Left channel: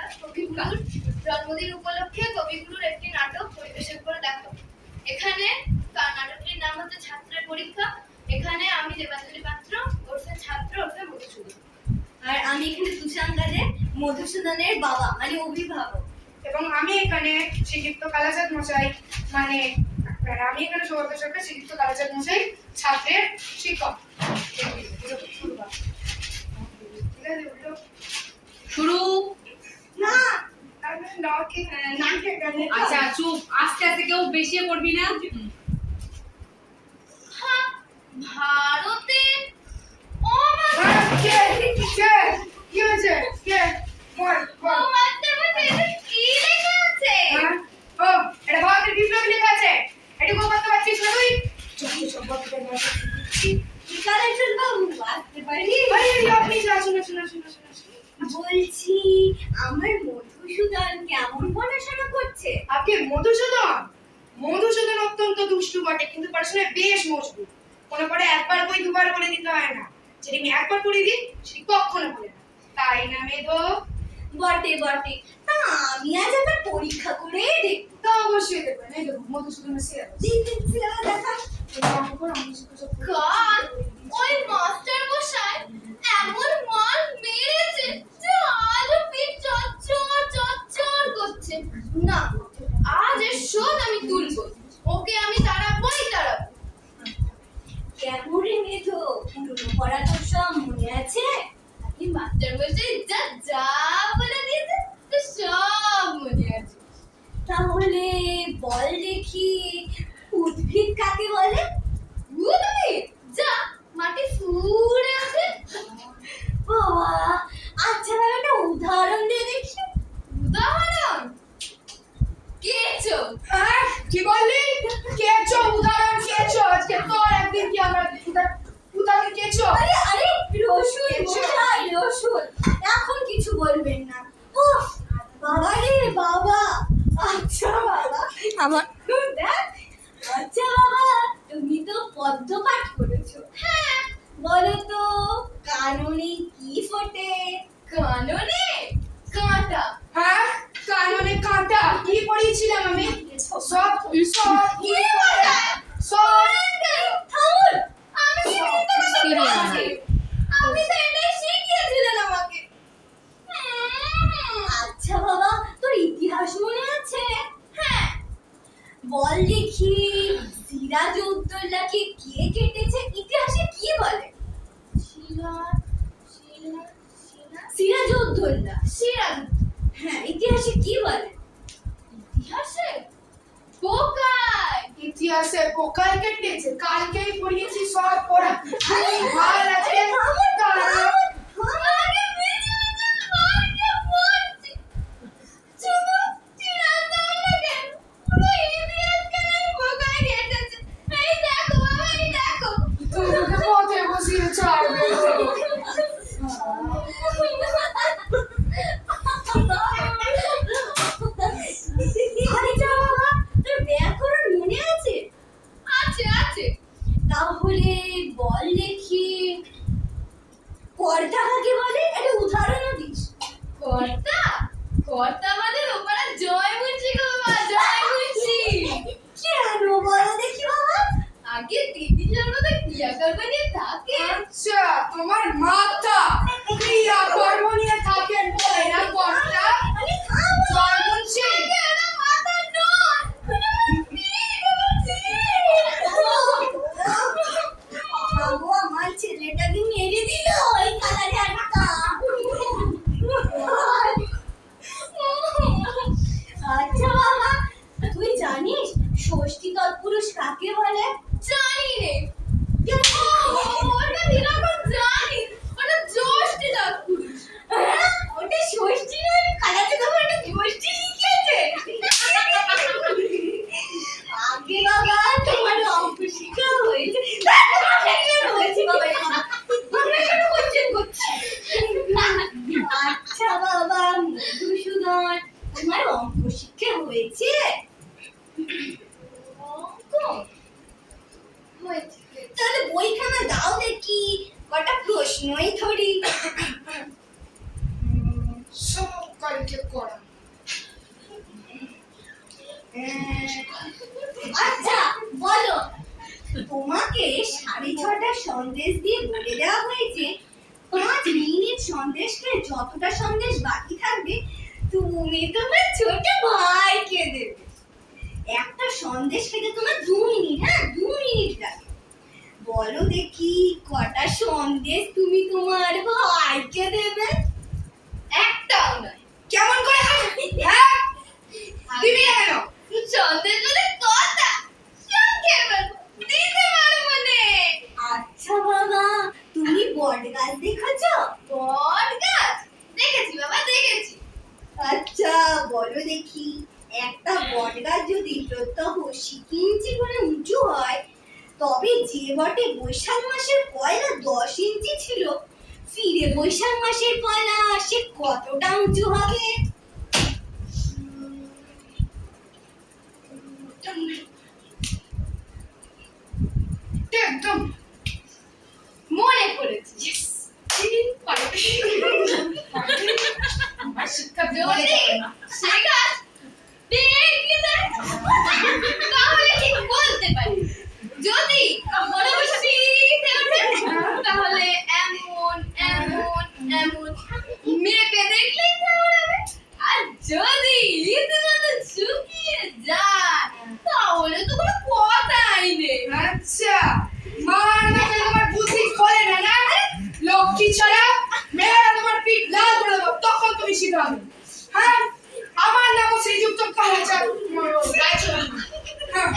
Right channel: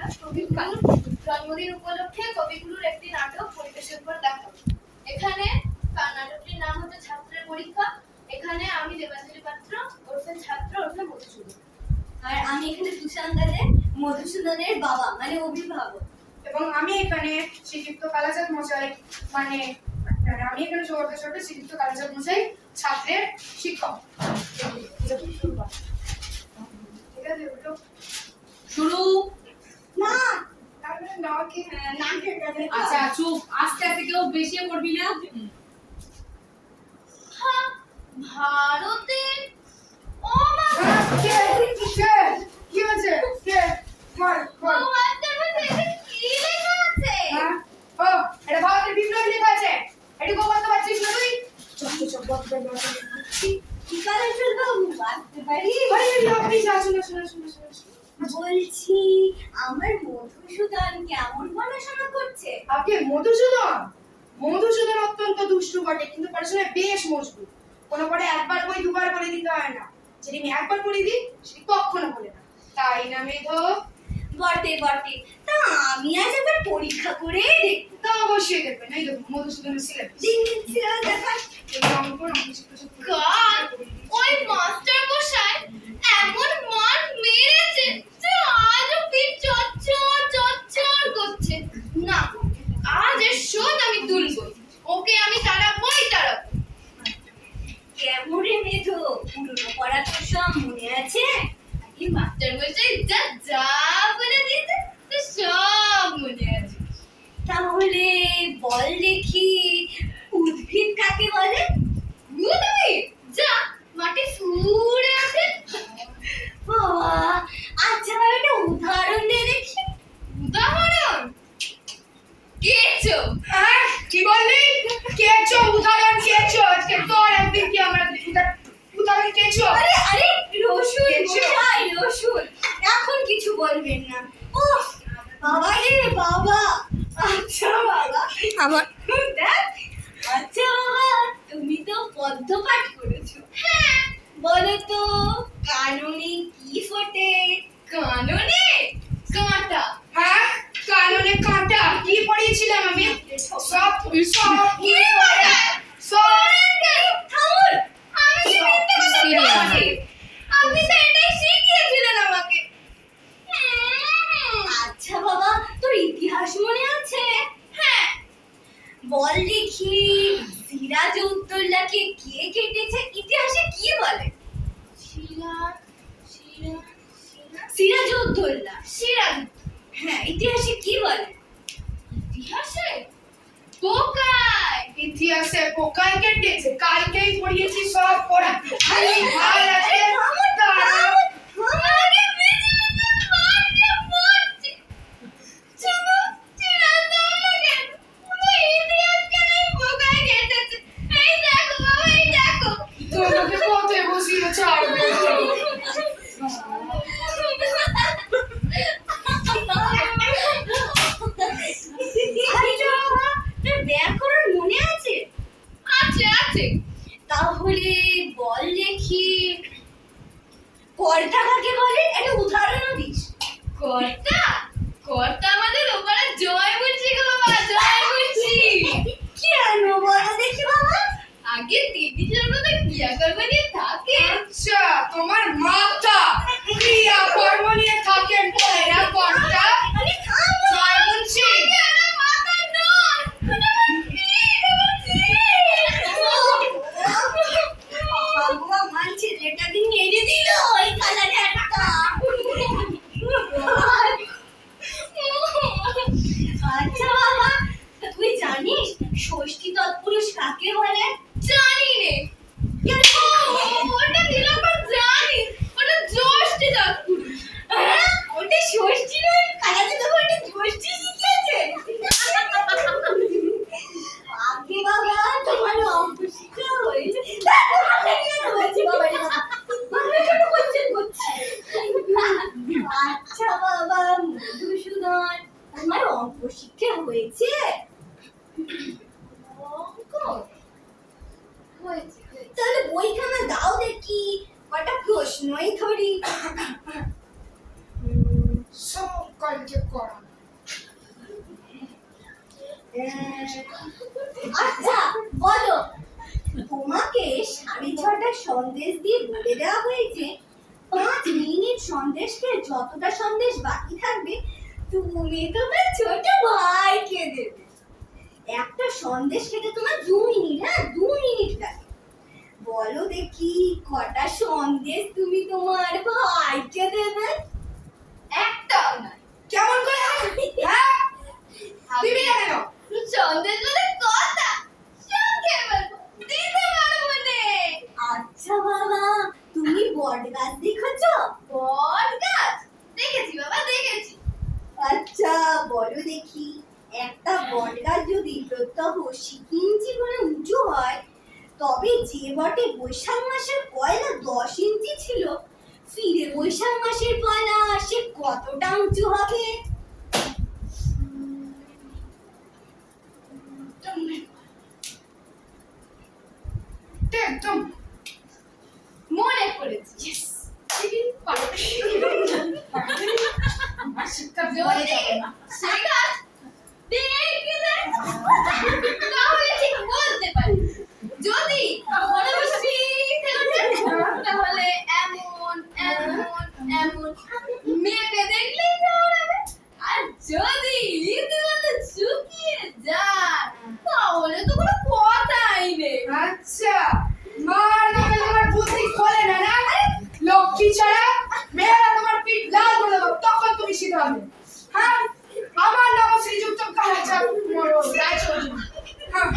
আমরা কবিগুরুর জন্মদিন উপলক্ষে কবিগুরুর একটি নাটক পরিবেশন করে দেখাবো। এখানে নাটকটির নাম হচ্ছে ছাত্রের পরীক্ষা। এখানে আমি দেবাঞ্জলি পাত্র ওরফে ছাত্র ওরফে মধুসূদন, আর আমি এখানে তুষাঙ্গারে মধুসূদনের বাবা মানে অভিভাবক, এবং আমি এখানে শ্রীযুক্ত কালাচাঁদ মশাই মানে আমি এখানে সৌগত সরকার শ্রীযুক্ত কালাচাঁদ মশাই ছাত্রের শিক্ষক। শুরু না আচ্ছা চুপ, আস্তে আস্তে, কেউ বেশি করবি না। ভারতের বলছি আমার মধুসূদন কেমন পড়াশোনা করছে? আপনি মধুসূদন অত্যন্ত দুষ্টু বটে, কিন্তু পড়াশোনায় বেশ মজবুত। কোনো পড়ে একবার বই দুবার করে দিতে হয় না, যদি আমি একবার পড়ে দিই সেটি কখনো বলে না, তাই না মেধো? বটে বটে, তা আমি আজ আবার পরীক্ষা করে দেখব। তা অবশ্যই দেখবেন। এই দেখুন মধুসূদনের সিলেবাস। সিলেবাস দেখা। কাল ওই মাস্টার মশাই এমন মার মেরেছে যে আজও পিঠ চচ্চর করছে। না, আজ এর শোধ আমি তুলবই। ওকে আমি তাড়াবই। কেমন রে মেধো, পুরনো পড়া তোর সব মনে আছে? এই মাস্টার মশাই যা বলে দিয়েছে তো সব মনে আছে। তাহলে বল দেখি, উদ্ভিদ কাকে বলে? উদ্ভিদ যা মাটি ফুঁড়ে আছে। বাবা, আচ্ছা ভাই একটা উদাহরণ দিয়ে দেখি। উদাহরণ? কেঁচো। হ্যাঁ, কি বললি? কেঁচো? উদাহরণ কেঁচো? আজকে তোর একদিন কি আমরা উদাহরণ কেঁচো? আরে আরে রসুন মশাই, রসুন। এখন কিছু বলবেন না। উফ, বাবা রে বাবা। আচ্ছা বাবা, আমার দেখ। আচ্ছা বাবা, তুমি তো পদ্য পাঠ করেছো। হ্যাঁ, বলো তো কাননে কি ফোটে? কাননে কাঁটা। হ্যাঁ, কাননে কাঁটা। কি পড়িয়েছিলাম আমি? সব কি বলে? থামুন। আমি কি মিথ্যে কথা বলছি? আপনি তো এটাই শিখিয়েছিলেন আমাকে। আচ্ছা বাবা, তোর ইতিহাস মনে আছে? হ্যাঁ। বল দেখি, সিরাজউদ্দৌলাকে কে কেটেছে ইতিহাসে কি বলে? সিরাজউদ্দৌলা। সিরাজ। হ্যাঁ, ইতিহাসে কি বলে? ইতিহাসে পোকায়। ইতিহাসে পোকায় কেটেছে। কালকেই পড়িয়েছি সব পড়া। আরে ভাই আছে আগে বেঁচে মারতে পড়ছি। শুধু সিরাজউদ্দৌলাকে পুরো ইতিহাসকে নাই পোকায় কেটেছে। এই দেখো বাবা, এই দেখো। তোকে পথে বসিয়ে ছাড়বে। আচ্ছা বাবা, তোর ব্যাকরণ মনে আছে? আছে। তাহলে বল দেখি, কর্তা কাকে বলে? একটা উদাহরণও দিস। কর্তা আমাদের ওপারে জয় মুন্সি গো বাবা, জয় মুন্সি। কেন বলো দেখি বাবা? আগে দিদি জন্মতে ক্রিয়া কর্ম নিয়ে থাকে। আচ্ছা, তোমার মাথা ক্রিয়া কর্ম নিয়ে থাকেন বলে না কর্তা? আরে থামো। জয় মুন্সি। ওটা মাথা নয়, ওটা আমার পিঠ, আমার বাবু, আমার ছেলেটাকে মেরে দিল ওই কালারে একটা। আচ্ছা বাবা, তুই জানিস ষষ্ঠী তৎপুরুষ কাকে বলে? জানি রে। কেন? ওটা দিলাম জানি, ওটা জ্যৈষ্ঠ তৎপুরুষ। হ্যাঁ, ওটা ষষ্ঠী নয়, কালাতে তো ওটা ষষ্ঠী শিখিয়েছে। আগে বাবা, তোমার অঙ্ক শিক্ষা হয়েছে। হয়েছে বাবা, আমরা কেন কোশ্চেন করছি? আচ্ছা বাবা মধুসূদন, তোমার অঙ্ক শিক্ষা হয়েছে? অঙ্ক হয়েছে। তাহলে বইখানা দাও দেখি, কটা প্রশ্নই ধরি। সব কালকে আচ্ছা বলো, তোমাকে 6:30 সন্দেশ দিয়ে বলে দেওয়া হয়েছে 5 মিনিট সন্দেশ খেয়ে যতটা সন্দেশ বাকি থাকবে তুমি তোমার ছোট ভাইকে দেবে। একটা সন্দেশ খেতে তোমার 2 মিনিট, হ্যাঁ 2 মিনিট লাগে। বলো দেখি কটা সন্দেশ তুমি তোমার ভাইকে দেবে? একটাও নয়। কেমন করে হ্যাঁ দিবি না কেন? সন্দেশ বলে কথা সব খেয়ে ফেলবো, দিতে পারবো নে। আচ্ছা বাবা, তুমি বট গাছ দেখেছো? বট গাছ দেখেছি বাবা, দেখেছি। আচ্ছা বলো দেখি, একটা বট গাছ যদি প্রত্যহ 6 ইঞ্চি করে উঁচু হয়, তবে যে বটে বৈশাখ মাসের পয়লা 10 ইঞ্চি ছিল, ফিরে বৈশাখ মাসের পয়লা সে কতটা উঁচু হবে? একদম মনে পড়েছি। আমার শিক্ষা যদি বলে যাবে না। সে গাছ দেখে যায়, তাহলে ঠিক বলতে পারি। যদি মনে বসে পিঠে ওঠে, তাহলে এমন এমন এমন মেপে দেখলেই দৌড়াবে। আর যদি রীতিমতো শুকিয়ে যায়, তাহলে তো কোনো কথাই নেই। আচ্ছা মার নামে তোমার বুদ্ধি খোলে না না? লক্ষ্মী ছাড়া মেয়েরা তোমার পিঠ লাল করে দেবো, তখন তুমি সিধা হবে। হ্যাঁ আমার নামও শ্রীযুক্ত কালাচাঁদ মরো রায়চৌধুরী। হ্যাঁ